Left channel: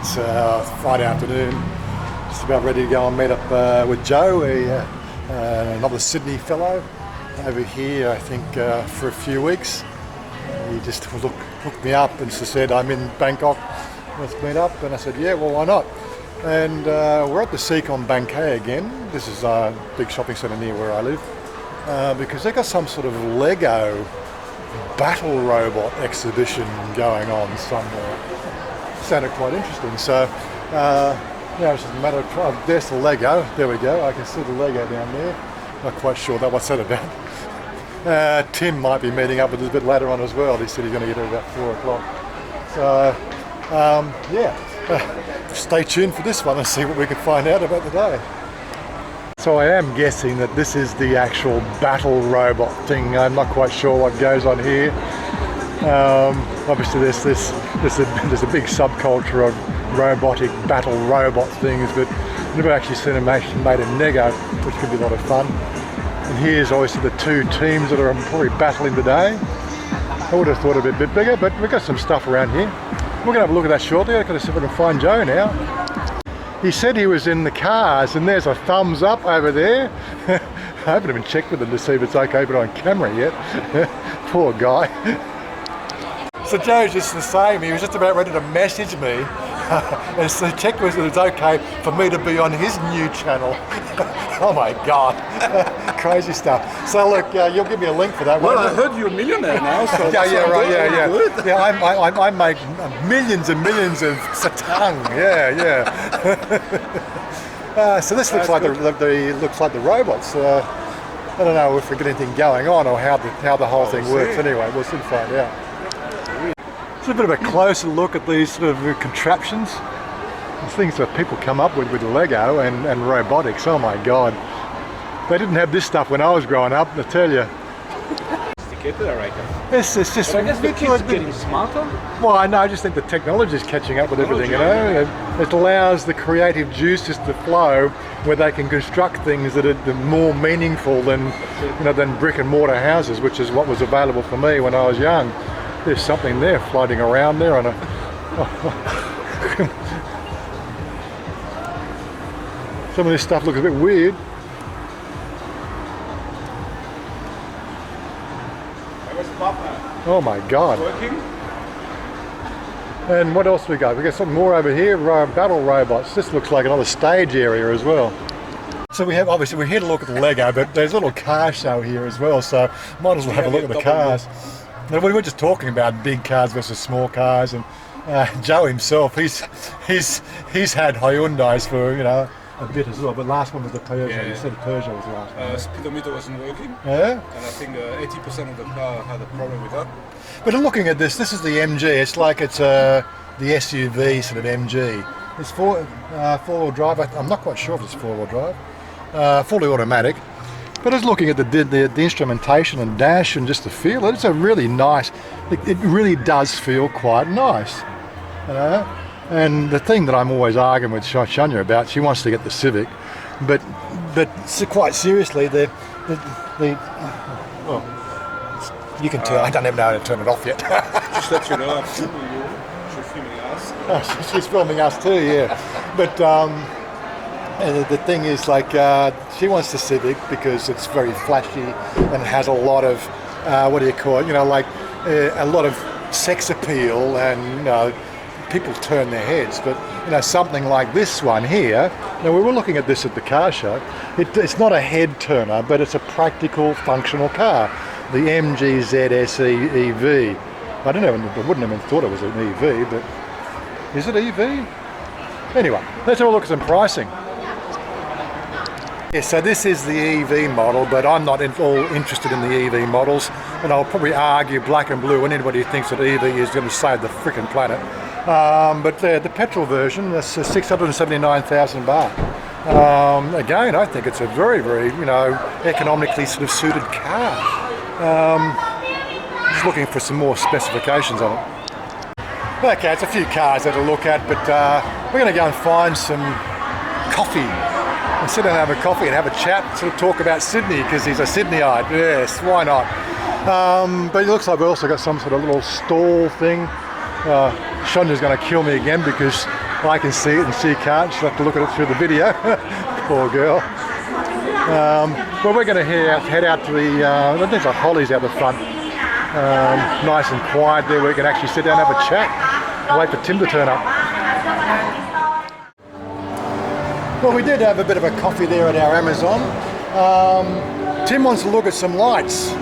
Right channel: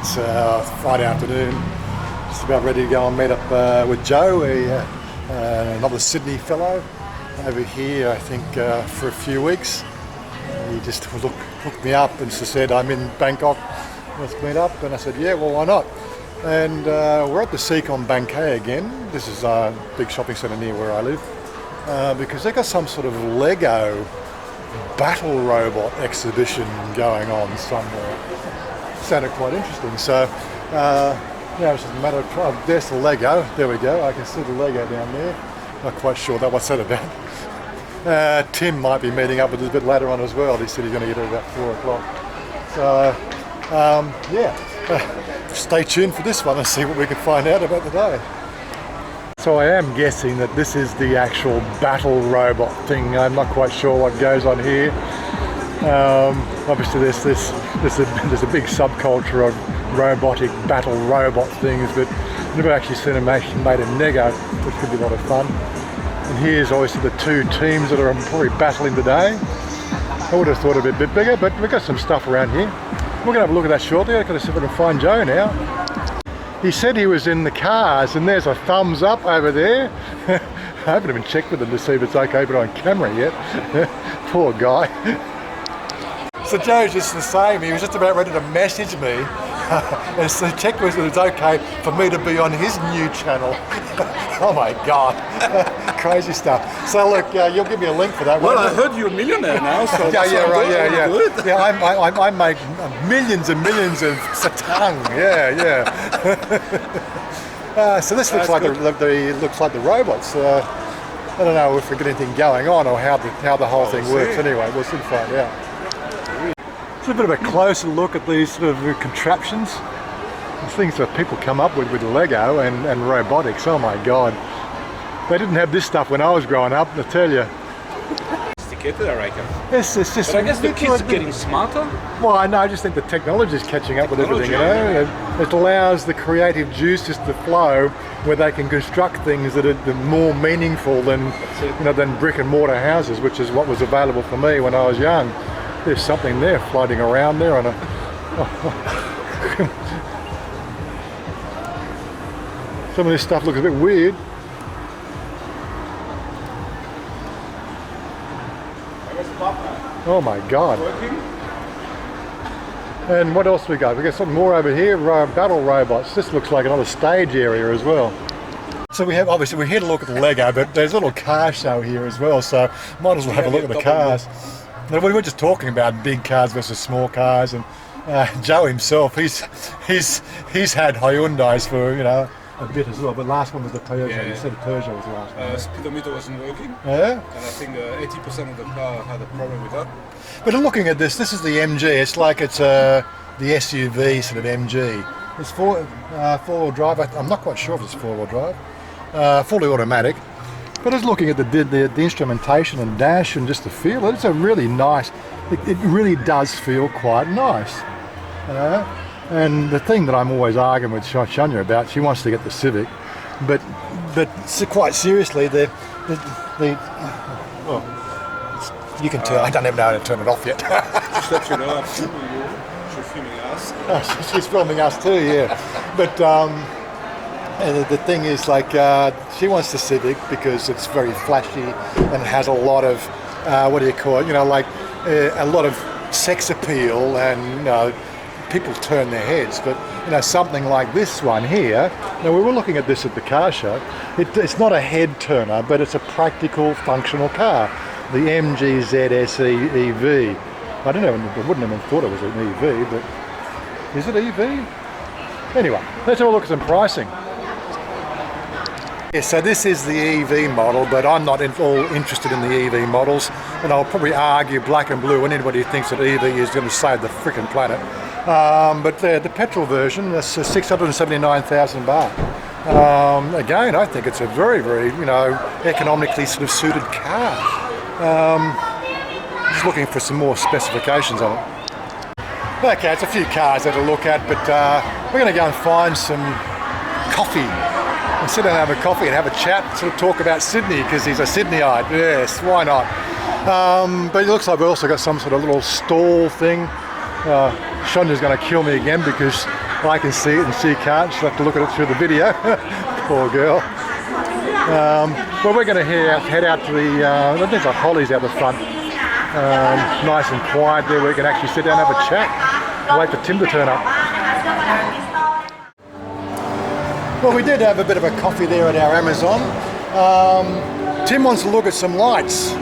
It's Friday afternoon. Just about ready to go and meet up with Joe, another Sydney fellow, over here, I think, for a few weeks. He just hooked me up and said, I'm in Bangkok, let's meet up. And I said, yeah, well, why not? And we're at the Secon Bangkay again. This is a big shopping centre near where I live, because they've got some sort of Lego battle robot exhibition going on somewhere. Sounded quite interesting. So, it's just a matter of there's the Lego. There we go. I can see the Lego down there. Not quite sure what's that about. Tim might be meeting up with us a bit later on as well. He said he's going to get here about 4 o'clock. So, stay tuned for this one and see what we can find out about the day. So I am guessing that this is the actual battle robot thing. I'm not quite sure what goes on here. Obviously there's a big subculture of robotic battle robot things, but I've never actually seen them actually made in Lego, which could be a lot of fun. And here's obviously the two teams that are probably battling today. I would have thought it'd be a bit bigger, but we've got some stuff around here. We're going to have a look at that shortly. I've got to see if I can find Joe now. He said he was in the cars, and there's a thumbs up over there. I haven't even checked with him to see if it's okay to put on camera yet. Poor guy. So Joe's just the same. He was just about ready to message me and so check whether it's okay for me to be on his new channel. Oh my God, crazy stuff. So look, you'll give me a link for that. Well, I heard you're a millionaire now, so I make millions and millions of satang. So this looks like the robots. I don't know if we get anything going on or how the whole thing works. Anyway, we'll soon find out. It's a bit of a closer look at these sort of contraptions. These things that people come up with Lego and robotics. Oh my God. They didn't have this stuff when I was growing up, I tell you. It's just... But I guess the kids are getting smarter. Well, I just think the technology is catching up with everything, you know. It allows the creative juices to flow where they can construct things that are more meaningful than brick and mortar houses, which is what was available for me when I was young. There's something there floating around there on a... Some of this stuff looks a bit weird. Oh my God. And what else we got? We got something more over here, battle robots. This looks like another stage area as well. So we're here to look at the Lego, but there's a little car show here as well, so might as well have a look at the cars. Now, we were just talking about big cars versus small cars, and Joe himself, he's had Hyundais for a bit as well, but last one was the Peugeot. Yeah. You said Peugeot was the last one. Speedometer wasn't working. Yeah? And I think 80% of the car had a problem with that. But looking at this is the MG. It's like it's the SUV sort of MG. It's four-wheel drive. I'm not quite sure if it's four-wheel drive. Fully automatic. But I was looking at the instrumentation and dash and just the feel. It's a really nice. It really does feel quite nice. And the thing that I'm always arguing with Shania about, she wants to get the Civic, but quite seriously, well, you can tell. I don't even know how to turn it off yet. Just let you know, she's filming us. Oh, she's filming us too, yeah. But and the thing is, like, she wants the Civic because it's very flashy and it has a lot of what do you call it? A lot of sex appeal, and people turn their heads. But something like this one here. Now, we were looking at this at the car show. It's not a head turner, but it's a practical, functional car. The MG ZS EV. I wouldn't have thought it was an EV, but is it EV? Anyway, let's have a look at some pricing. Yeah, so this is the EV model, but I'm not at all interested in the EV models, and I'll probably argue black and blue, and anybody who thinks that EV is going to save the frickin' planet. But the petrol version is 679,000 baht. Again, I think it's a very, very, economically sort of suited car. Just looking for some more specifications on it. Okay, it's a few cars that to look at, but we're going to go and find some coffee. And sit down and have a coffee and have a chat, sort of talk about Sydney, because he's a Sydneyite. Yes, why not? But it looks like we've also got some sort of little stall thing. Shonya's going to kill me again because I can see it and she can't. She'll have to look at it through the video. Poor girl. Well, we're going to head out to the, there's like hollies out the front. Nice and quiet there. We can actually sit down and have a chat. Wait for Tim to turn up. Well, we did have a bit of a coffee there at our Amazon. Tim wants to look at some lights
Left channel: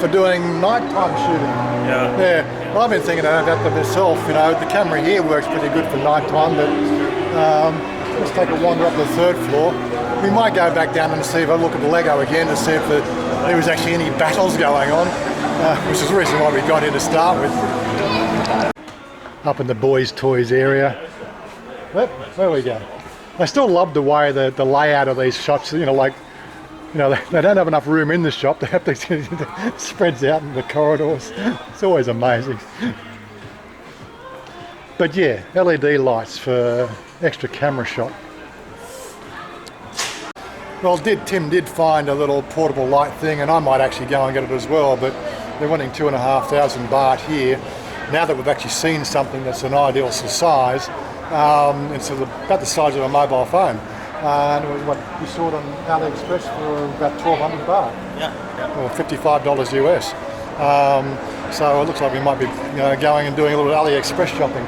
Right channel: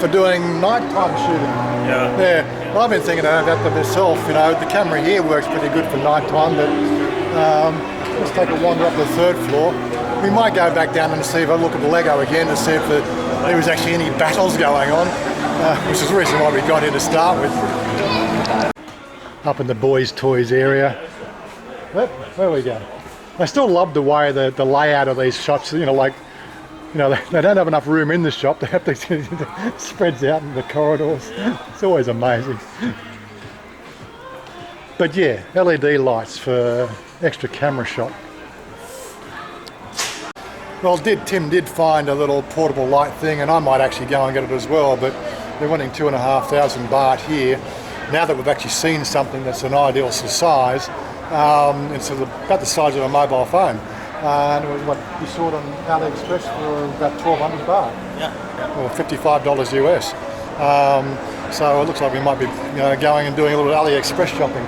for doing nighttime shooting. Yeah. I've been thinking about that myself. You know, the camera here works pretty good for nighttime, but let's take a wander up the third floor. We might go back down and see if I look at the Lego again to see if there was actually any battles going on, which is the reason why we got here to start with. Up in the boys' toys area. Yep, there we go. I still love the way the layout of these shots, you know, like, you know, they don't have enough room in the shop. They have to spreads out in the corridors. It's always amazing. But yeah, LED lights for extra camera shot. Well, Tim did find a little portable light thing, and I might actually go and get it as well, but they're wanting 2,500 baht here. Now that we've actually seen something that's an ideal size, it's about the size of a mobile phone. And it was what you saw it on AliExpress for about 1,200 baht. Yeah. Or $55 US. So it looks like we might be, you know, going and doing a little AliExpress shopping.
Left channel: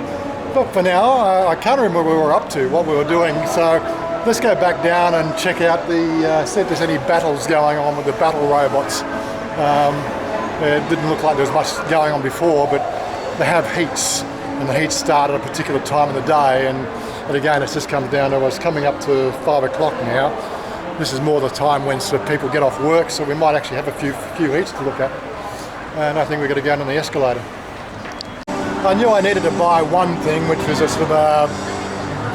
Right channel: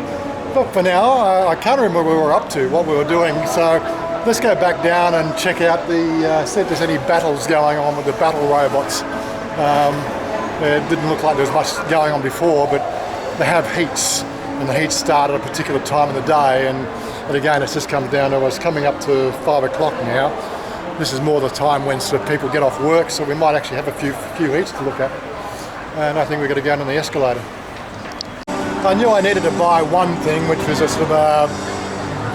But for now, I can't remember what we were up to, what we were doing. So let's go back down and check out see if there's any battles going on with the battle robots. It didn't look like there was much going on before, but they have heats, and the heats start at a particular time of the day. And again, it's just comes down to us coming up to 5 o'clock now. This is more the time when sort of people get off work, so we might actually have a few heats to look at. And I think we're going to go on the escalator. I knew I needed to buy one thing, which was a sort of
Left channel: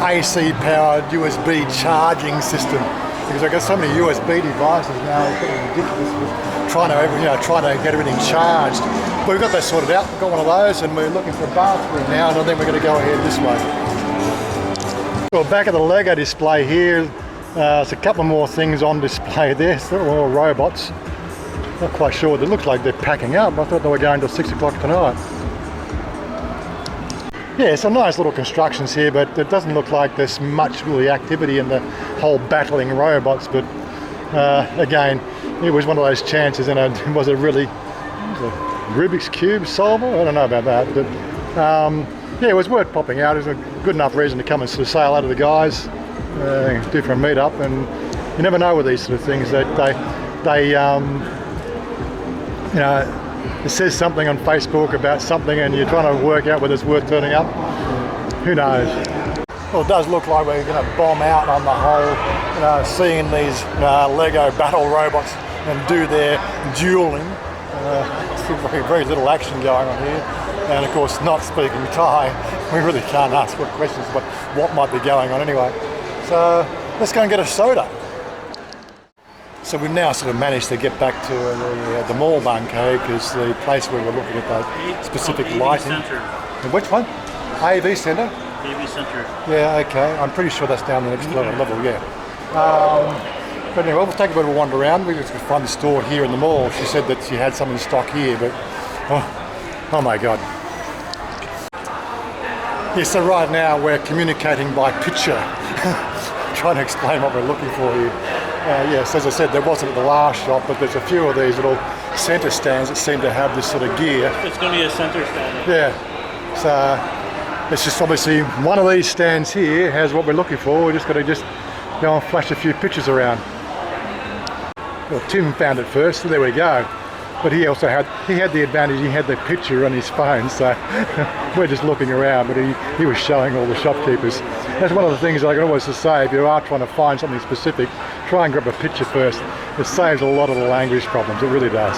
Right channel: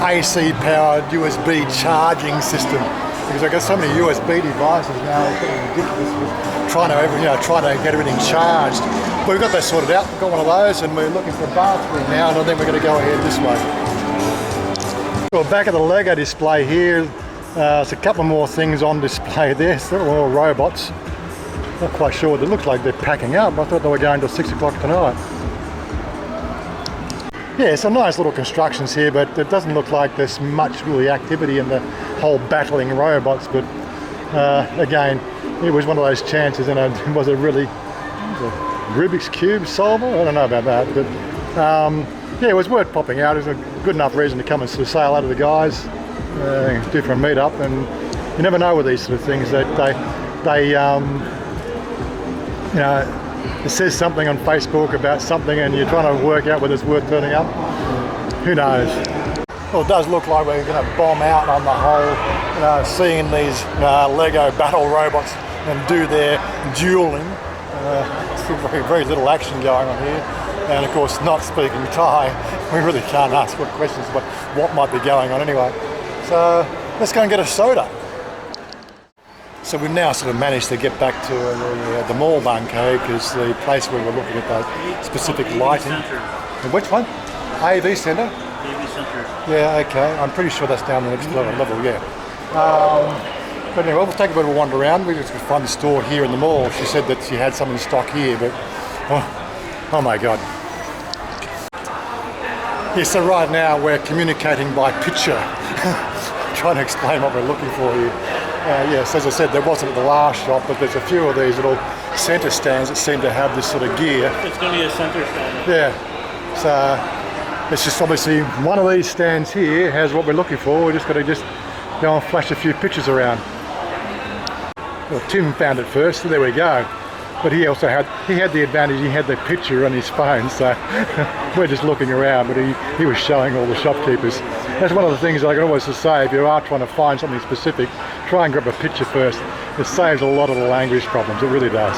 AC-powered USB charging system, because I've got so many USB devices now. It's getting ridiculous with trying to get everything charged. But we've got that sorted out. We've got one of those, and we're looking for a bathroom now, and I think we're going to go ahead this way. Well, back at the Lego display here, there's a couple more things on display there. So they're all robots. Not quite sure. They look like they're packing up. I thought they were going till 6 o'clock tonight. Yeah, some nice little constructions here, but it doesn't look like there's much really activity in the whole battling robots. But again, it was one of those chances, and it was a Rubik's Cube solver? I don't know about that, but yeah, it was worth popping out. It was a good enough reason to come and sort of say hello to the guys, do for a meet-up, and you never know with these sort of things that they you know, it says something on Facebook about something and you're trying to work out whether it's worth turning up. Who knows? Well, it does look like we're going to bomb out on the whole, seeing these Lego battle robots and do their dueling. Very little action going on here. And of course, not speaking Thai, we really can't ask what questions, what might be going on anyway. So let's go and get a soda. So we've now sort of managed to get back to the mall bunker, because the place where we're looking at the specific lighting. Which one? AV Centre? AV Centre. Yeah, okay. I'm pretty sure that's down the next level, yeah. But anyway, we'll take a bit of a wander around. We just find the store here in the mall. She said that she had some in stock here, but oh my God. Yeah, so right now we're communicating by picture, trying to explain what we're looking for here. Yes, as I said, there wasn't at the last shop, but there's a few of these little centre stands that seem to have this sort of gear. It's going to be a centre stand. Yeah, so it's just obviously one of these stands here has what we're looking for. We're just got to go and flash a few pictures around. Well, Tim found it first, so there we go. But he also had the advantage, he had the picture on his phone, so we're just looking around, but he was showing all the shopkeepers. That's one of the things I can always say, if you are trying to find something specific, try and grab a picture first. It saves a lot of the language problems, it really does.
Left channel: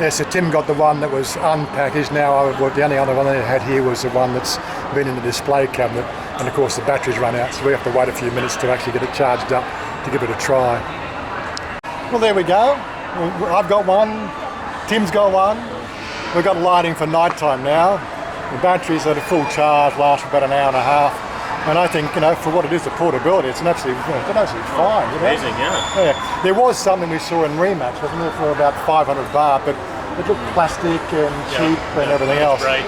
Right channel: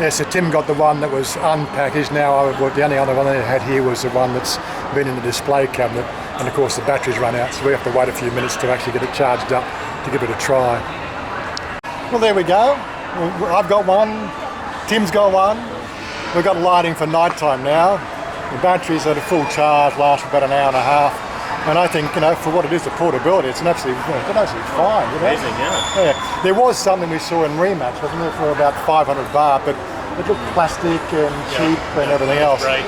Yeah, so Tim got the one that was unpackaged. Now the only other one they had here was the one that's been in the display cabinet, and of course the batteries run out, so we have to wait a few minutes to actually get it charged up to give it a try. Well, there we go. I've got one, Tim's got one. We've got lighting for night time now. The batteries at a full charge last for about an hour and a half. And I think, for what it is, the portability, it's absolutely fine. Amazing, yeah. Yeah. There was something we saw in Rematch, wasn't there, for about 500 baht, but it looked plastic and cheap and everything else. Right.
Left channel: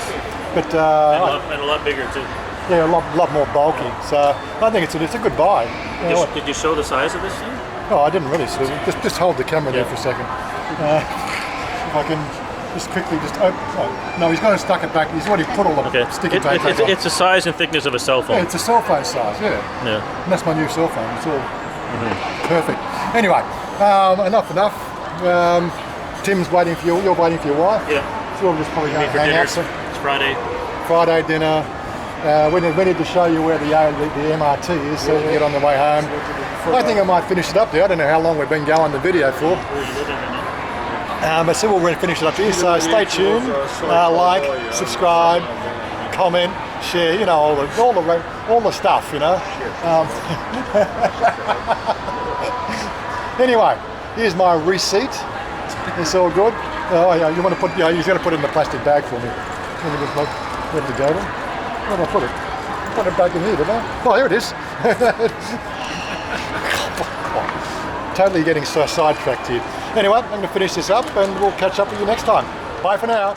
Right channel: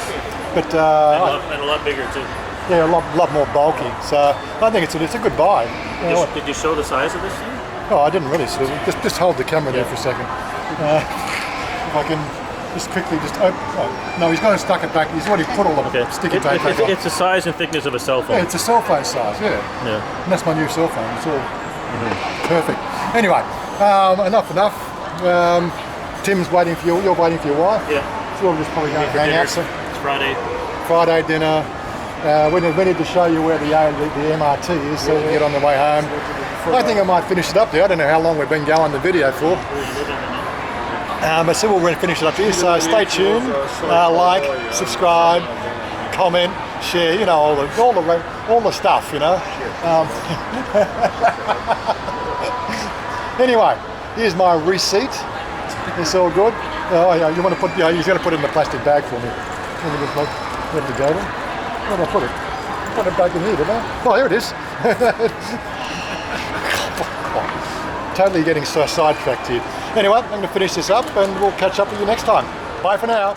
But and a lot bigger too. Yeah, a lot more bulky. So I think it's a good buy. You know what? Did you show the size of this thing? Oh, I didn't really. So just hold the camera there for a second. If I can just quickly just open. Oh, no, he's going to stuck it back. He's already put all the Okay. sticky tape back on. It's the size and thickness of a cell Yeah, phone. it's a cell phone size. Yeah. Yeah. And that's my new cell phone. It's all perfect. Anyway, enough. Tim's waiting for you. You're waiting for your wife. Yeah. So we'll just probably go For hang dinner. out. So It's Friday. Friday dinner. We need to show you where the MRT is so you can get on the way home. I think I might finish it up there. I don't know how long we've been going the video for. But so we'll finish it up here. So stay tuned. Like, subscribe, comment, share. You know all the stuff. You know. Anyway, here's my receipt. It's all good. Oh yeah, you want to put? Yeah, he's going to put it in the plastic bag for me. Let me just look. Where did it go then? Where did I put it? I put it back in here, didn't I? Oh, here it is. Totally getting so sidetracked here. Anyway, I'm going to finish this up and we'll catch up with you next time. Bye for now.